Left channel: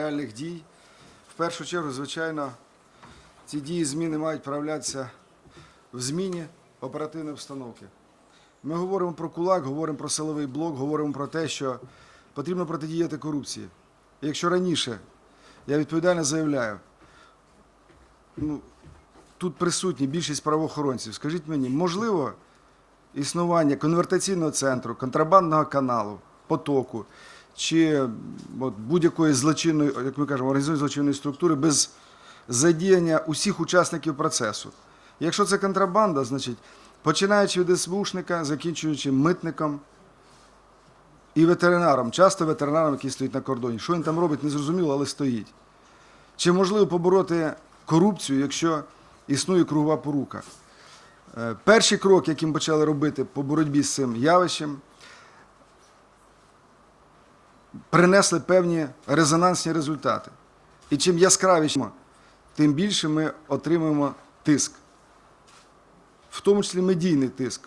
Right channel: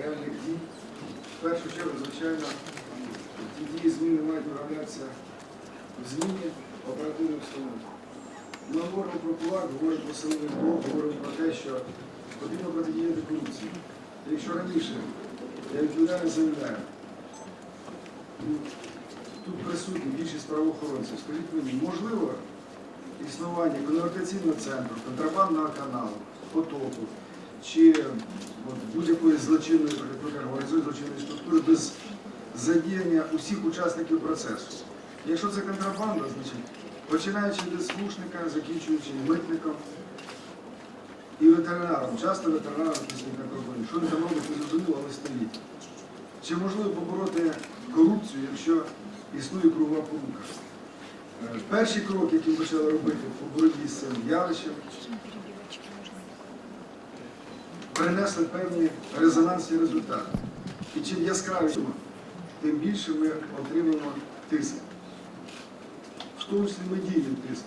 реальних дій. В першу чергу, звичайно, ці дії зміни мають проявлятися в зміні оперативної обстановки. Ми говоримо про кулак, говоримо про силовий блок, говоримо про те, що потрібно протидіяти корупції. Якщо раніше, я відповідально заявляю, ну, тут присутні більшість правоохоронців, скажіть мені, можливо існування конвертаційного центру, контрабандного каналу, потоку чи будь-якої злочинної, як ми кажемо, організованої злочинної структури без задіяння усіх учасників процесу. Якщо це контрабанда, значить починаючи від СБУшника, закінчуючи митником і ветеринаром, часто ветеринаром, який стоїть на кордоні. Що він там робить, не зрозуміло, але стоїть. Чи можливо побороти корупцію, якщо існує кругова порука? Е, Перший крок, який ми почали робити по боротьбі з цим явищем, принесли певні резонансні результати. І чим яскравіше, тим більше ми отримуємо тиск, в тому числі медійний тиск.